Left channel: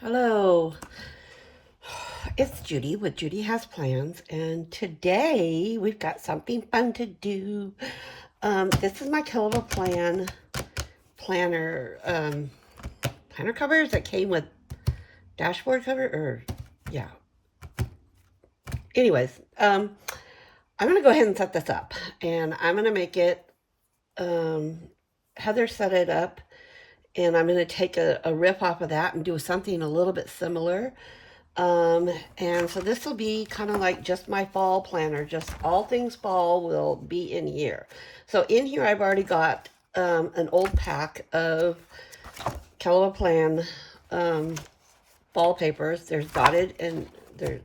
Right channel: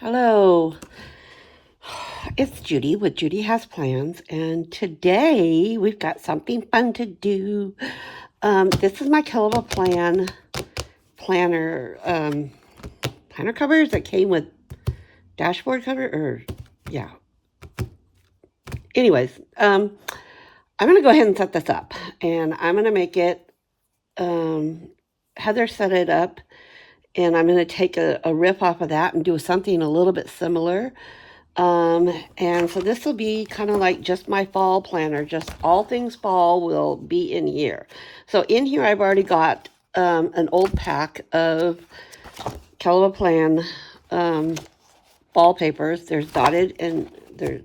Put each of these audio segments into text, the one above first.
Hello, it's Judy with Judy Has Plans, and today we've got something fun to do. This is my Kell planner planner covers that came with dashboard cover, or yeah. Anyways, I'm gonna go ahead and set this up, and I'm gonna make it. Heather set it up, and I'm gonna take a riff off of that and do something a little bit similar. And so this will be kind of like just my fall planner, just all things fall will be in here. So in here, I've already got an old pack of Kell fall papers. There's dotted and there's,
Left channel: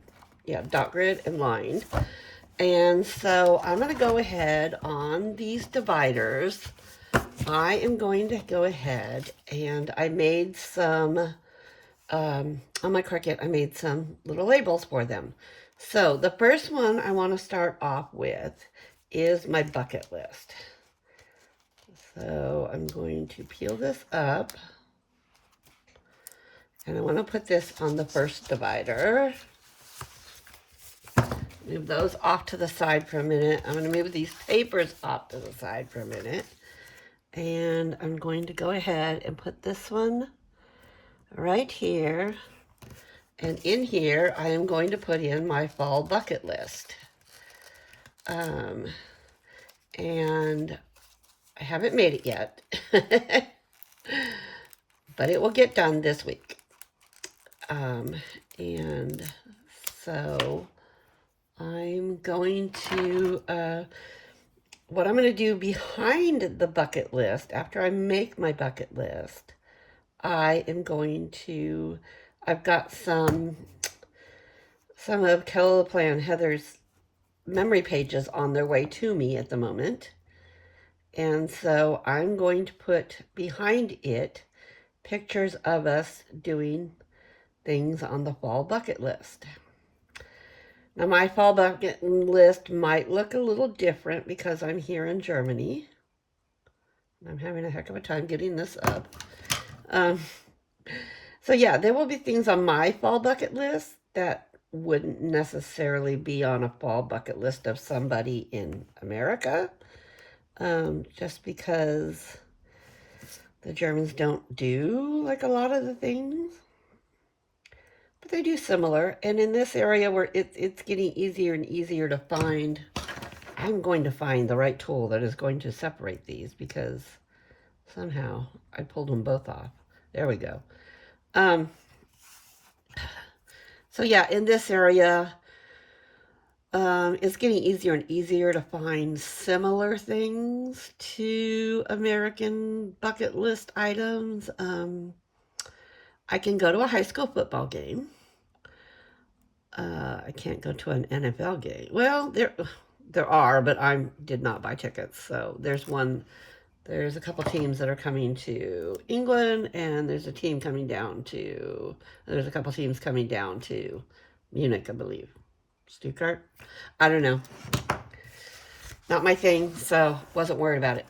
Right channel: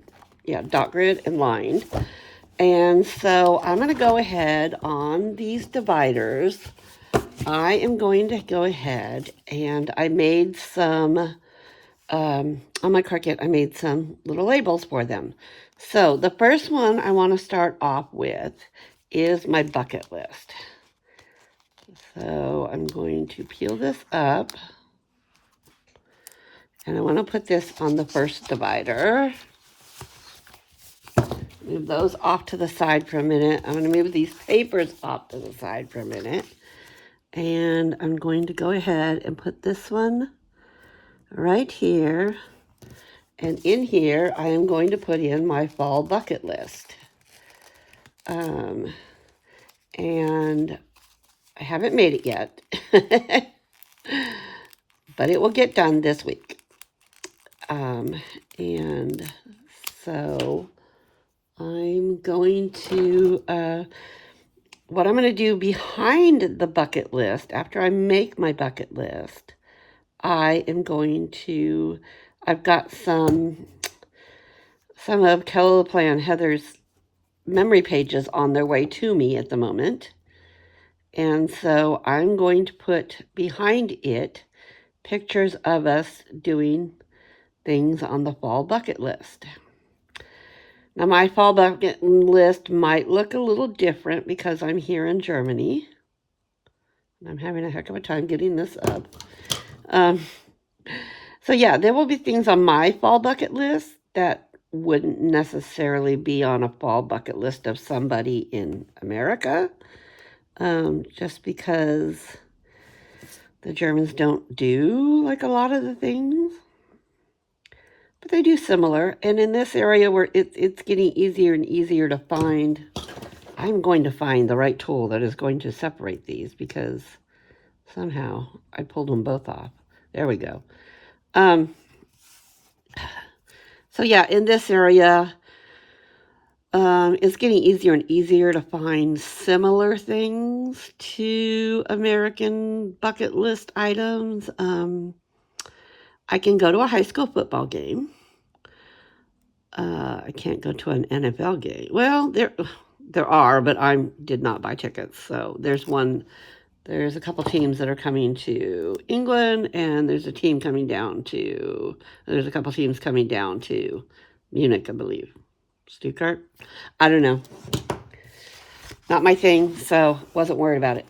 dot grid and lined. And so I'm going to go ahead on these dividers. I am going to go ahead and I made some on my Cricut, I made some little labels for them. So the first one I want to start off with is my bucket list. So I'm going to peel this up, and I want to put this on the first divider. Move those off to the side for a minute. I'm going to move these papers off to the side for a minute. And I'm going to go ahead and put this one right here. And in here, I am going to put in my fall bucket list. And I haven't made it yet, but it will get done this week. And so I'm going to, what I'm going to do behind the bucket list, after I make my bucket list, I am going to, I've got some of Kell Heather's memory pages on their way to me at the moment. And so I'm going to put behind it pictures of us doing things on the fall bucket list. Now my fall bucket list might look a little different because I'm here in Germany. I'm having a heck of a time getting this up. So yeah, there will be things on my fall bucket list that wouldn't necessarily be on a fall bucket list of somebody in America, just because the Germans don't do like a lot of the things, but they do similar. And in this area where it's getting easier and easier to find, I'm going to find the right tool that is going to separate these, because somehow I pulled them both off. There we go. So yeah, in this area, it's getting easier and easier to find similar things to American bucket list items. I can go to a high school football game. I can't go to an NFL game. Well, there are, but I did not buy tickets. So there's a couple teams that are coming to England, and there's a couple teams coming down to Munich, I believe. Stuttgart? I don't know. Not my thing, so wasn't worried about it.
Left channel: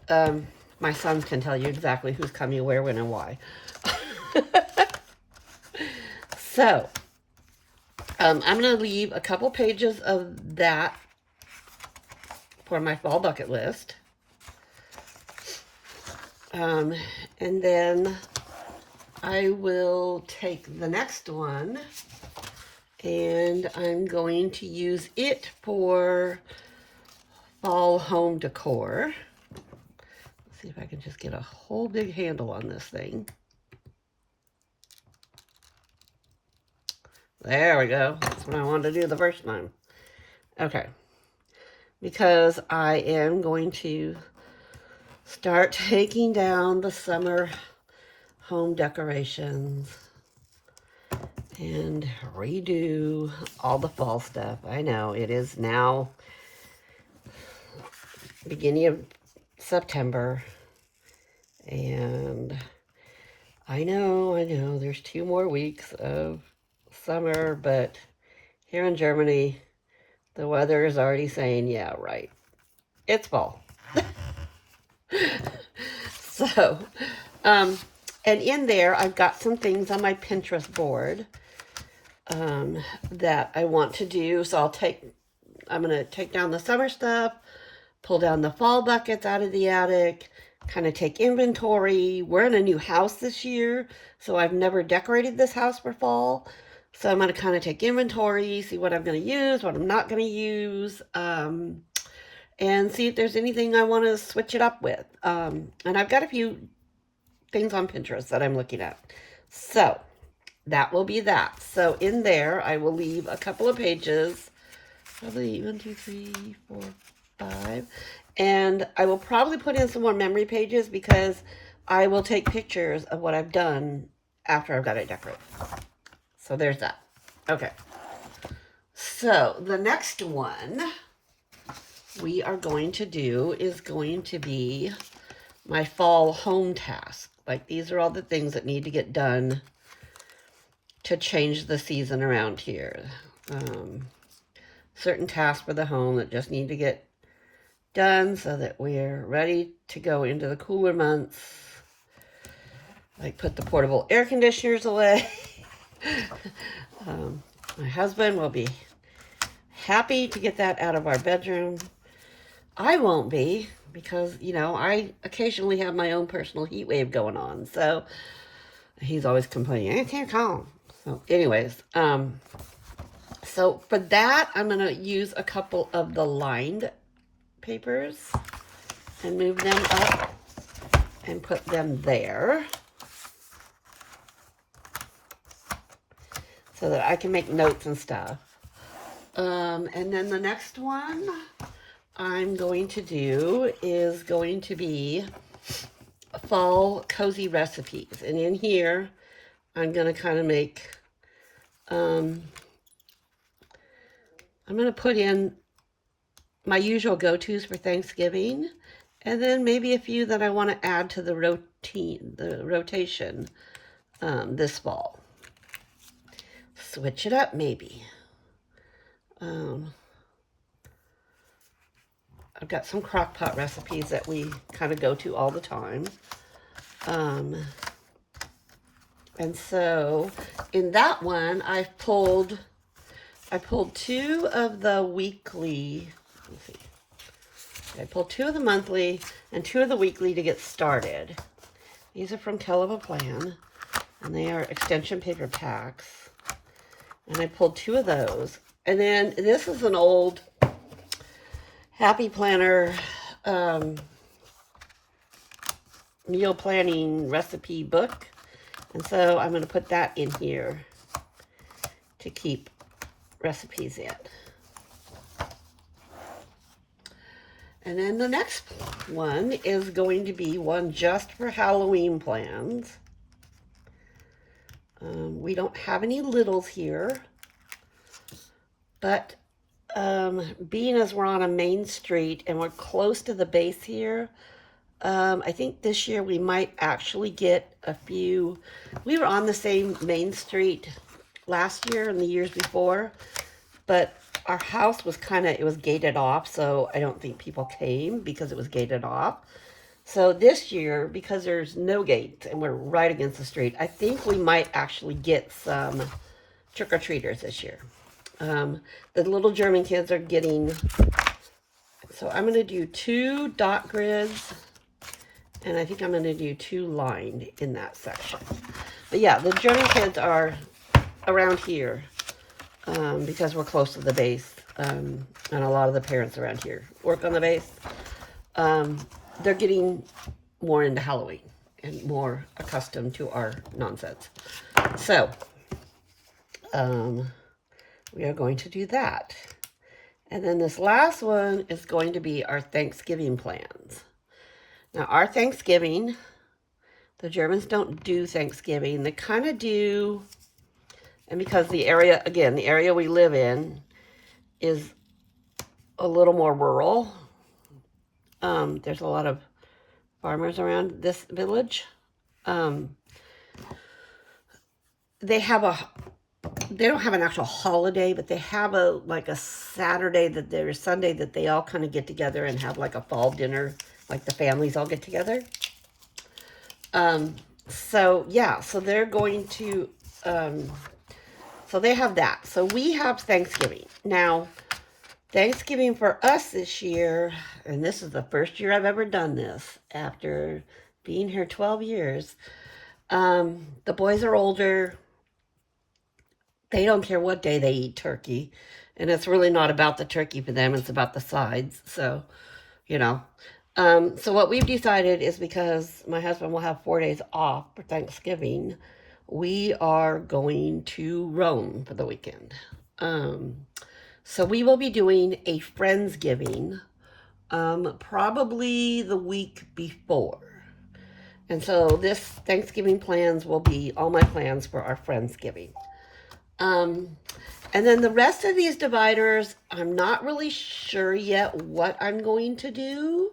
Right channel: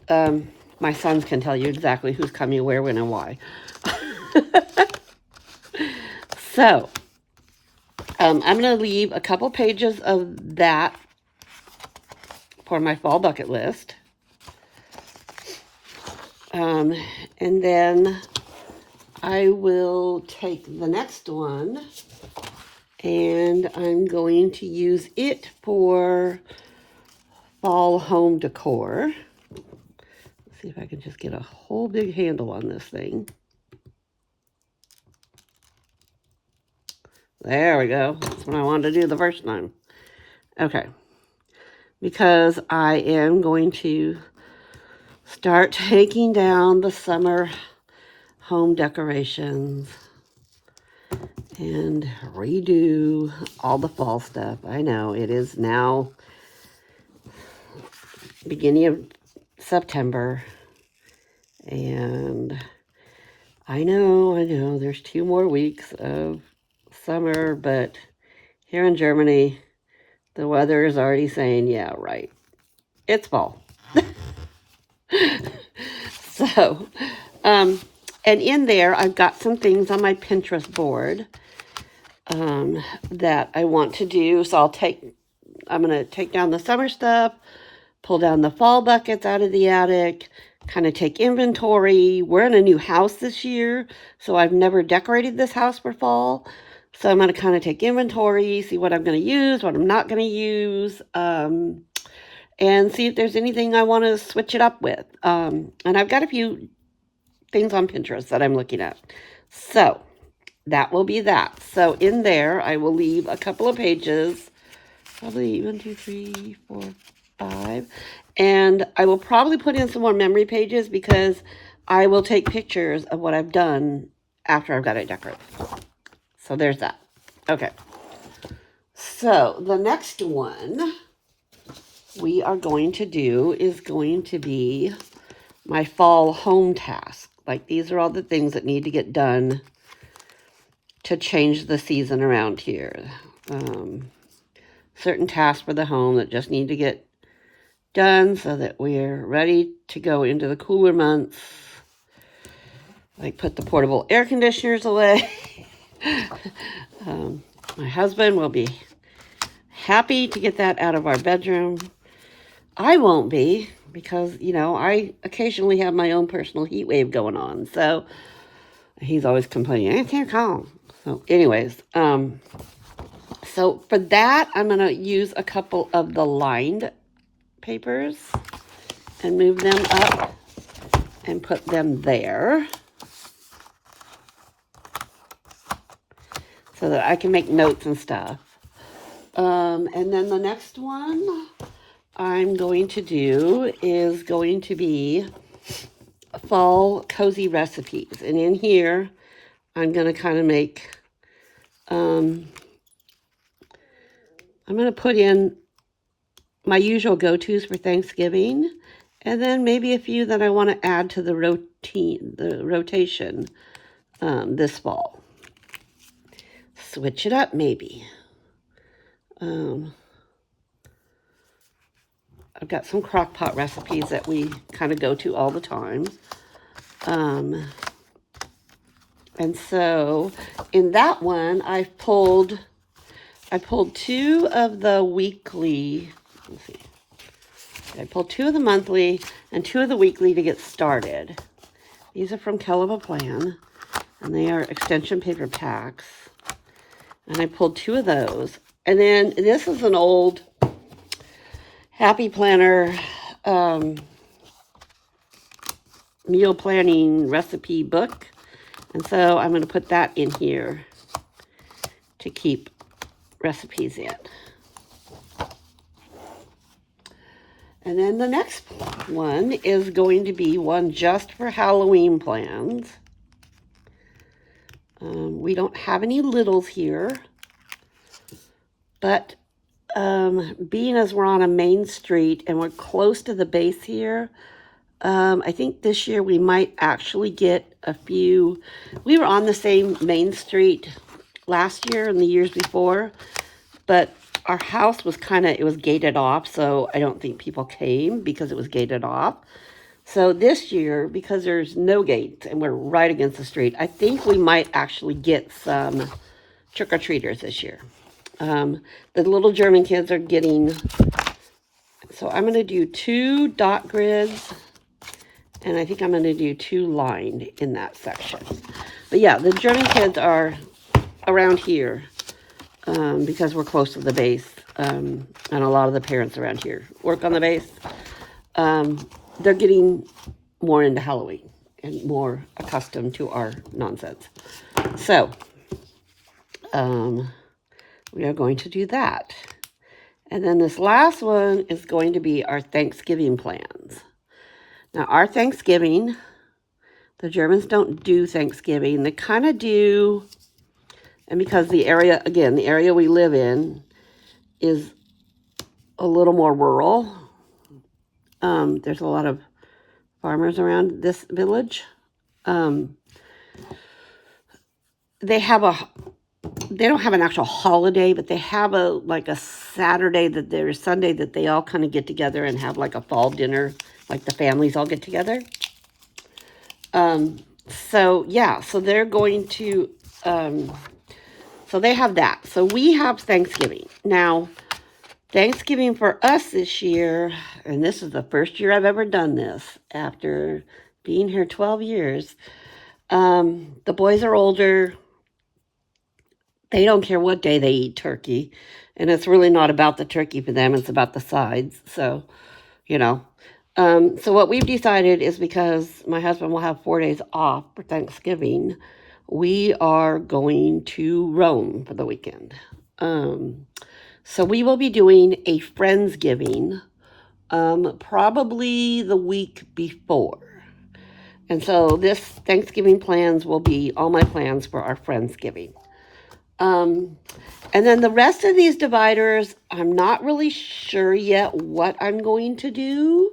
My sons can tell you exactly who's coming, where, when, and why. So, I'm going to leave a couple pages of that for my fall bucket list. And then I will take the next one and I'm going to use it for fall home decor. Let's see if I can just get a whole big handle on this thing. There we go. That's what I wanted to do the first time. Okay. Because I am going to start taking down the summer home decorations and redo all the fall stuff. I know it is now beginning of September, and I know there's 2 more weeks of summer, but here in Germany, the weather is already saying, yeah, right, it's fall. So, And in there, I've got some things on my Pinterest board that I want to do. So I'm going to take down the summer stuff, pull down the fall buckets out of the attic, kind of take inventory. We're in a new house this year, so I've never decorated this house for fall. So I'm going to kind of take inventory, see what I'm going to use, what I'm not going to use, and see if there's anything I want to switch it up with. And I've got a few things on Pinterest that I'm looking at. So that will be that. So in there, I will leave a couple of pages, probably 1, 2, 3, 4, 5. And I will probably put in some more memory pages because I will take pictures of what I've done after I've got it decorated. So there's that. Okay. So the next one we are going to do is going to be my fall home task. Like, these are all the things that need to get done to change the season around here. Certain tasks for the home that just need to get done so that we're ready to go into the cooler months. Like, put the portable air conditioners away. My husband will be happy to get that out of our bedroom. I won't be, because, you know, I occasionally have my own personal heat wave going on. So he's always complaining, I can't come. So anyways, so for that, I'm going to use a couple of the lined papers and move them up and put them there so that I can make notes and stuff. And then the next one I'm going to do is going to be fall cozy recipes. And in here, I'm going to kind of make, I'm going to put in my usual go-tos for Thanksgiving, and then maybe a few that I want to add to the rotation this fall. Switch it up, maybe. I've got some crock pot recipes that we kind of go to all the time. And so in that one, I pulled 2 of the weekly, let's see. I pulled 2 of the monthly and 2 of the weekly to get started. These are from Kell of a Plan, and they are extension paper packs. And I pulled 2 of those. And then this is an old Happy Planner meal planning recipe book. And so I'm going to put that in here to keep recipes in. And then the next one is going to be one just for Halloween plans. We don't have any littles here, but being as we're on a main street and we're close to the base here, I think this year we might actually get a few. We were on the same main street last year and the years before, but our house was it was gated off, so I don't think people came because it was gated off. So this year, because there's no gate and we're right against the street, I think we might actually get some trick-or-treaters this year. The little German kids are getting, so I'm going to do 2 dot grids, and I think I'm going to do 2 lined in that section. But yeah, the German kids are around here because we're close to the base, and a lot of the parents around here work on the base. They're getting more into Halloween and more accustomed to our nonsense. So, we are going to do that. And then this last one is going to be our Thanksgiving plans. Now, our Thanksgiving, the Germans don't do Thanksgiving. They kind of do, and because the area, again, the area we live in is a little more rural. There's a lot of farmers around this village. They don't have an actual holiday, but they have like a Saturday Sunday that they all kind of get together and have like a fall dinner, like the families all get together. And So yeah, so they're going to, so they have that. So we have Thanksgiving. Now, Thanksgiving for us this year, and this is the first year I've ever done this after being here 12 years. The boys are older. They don't care what day they eat turkey. And it's really not about the turkey for them. It's about the sides. So, you know. So what we've decided is, because my husband will have 4 days off for Thanksgiving, we are going to Rome for the weekend. So we will be doing a Friendsgiving, probably the week before. And so this Thanksgiving plans will be all my plans for our Friendsgiving. And then the rest of these dividers, I'm not really sure yet what I'm going to do.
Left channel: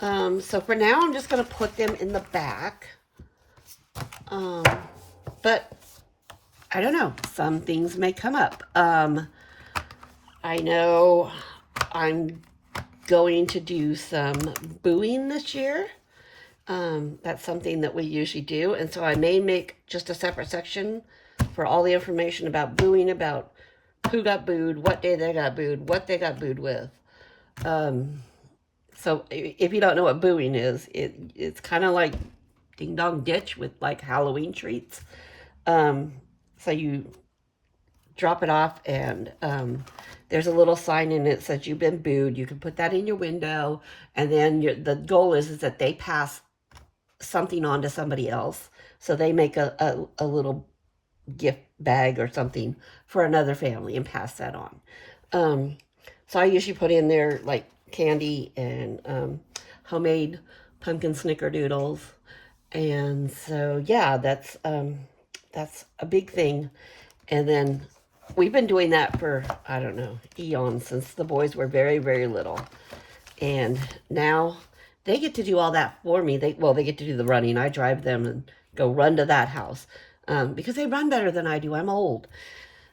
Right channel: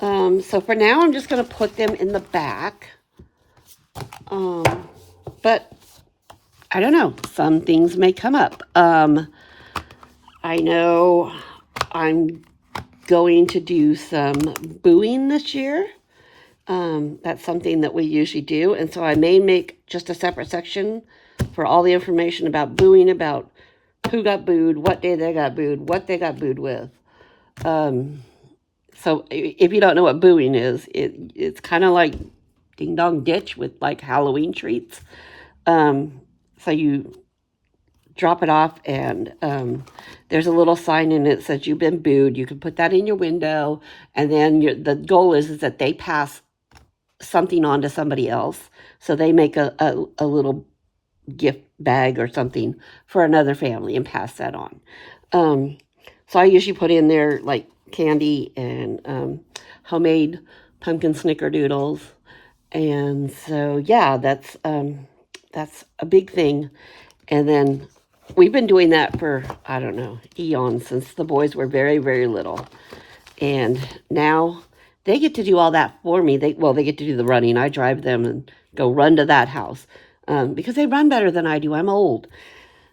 So for now, I'm just going to put them in the back. But I don't know. Some things may come up. I know I'm going to do some booing this year. That's something that we usually do. And so I may make just a separate section for all the information about booing, about who got booed, what day they got booed, what they got booed with. So if you don't know what booing is, it's kind of like Ding Dong Ditch with like Halloween treats. So you drop it off, and there's a little sign in it that says you've been booed. You can put that in your window, and then the goal is that they pass something on to somebody else. So they make a little gift bag or something for another family and pass that on. So I usually put in there like candy and homemade pumpkin snickerdoodles. And so, yeah, that's a big thing. And then we've been doing that for, I don't know, eons, since the boys were very, very little. And now they get to do all that for me. They get to do the running. I drive them and go run to that house because they run better than I do. I'm old.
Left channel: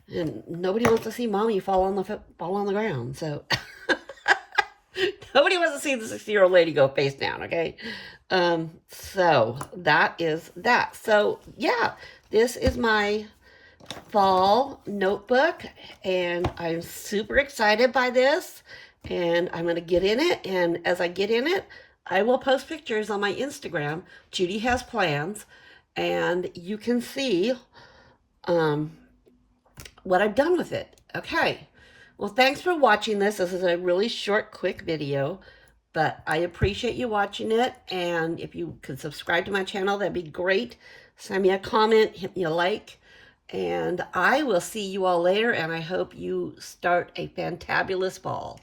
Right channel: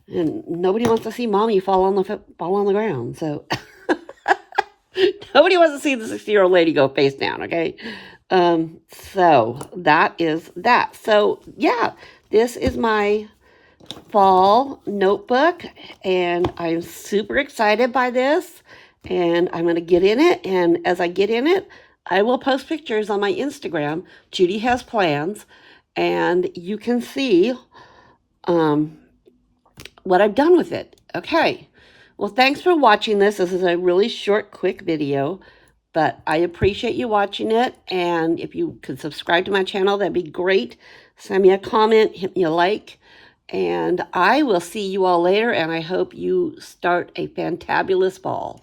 And nobody wants to see mommy fall on the ground. So nobody wants to see the 60-year-old lady go face down, okay? So that is that. So yeah, this is my fall notebook, and I'm super excited by this, and I'm going to get in it. And as I get in it, I will post pictures on my Instagram. Judy Has Plans, and you can see what I've done with it. Okay. Well, thanks for watching this. This is a really short, quick video, but I appreciate you watching it. And if you could subscribe to my channel, that'd be great. Send me a comment, hit me a like, and I will see you all later. And I hope you start a fantabulous fall.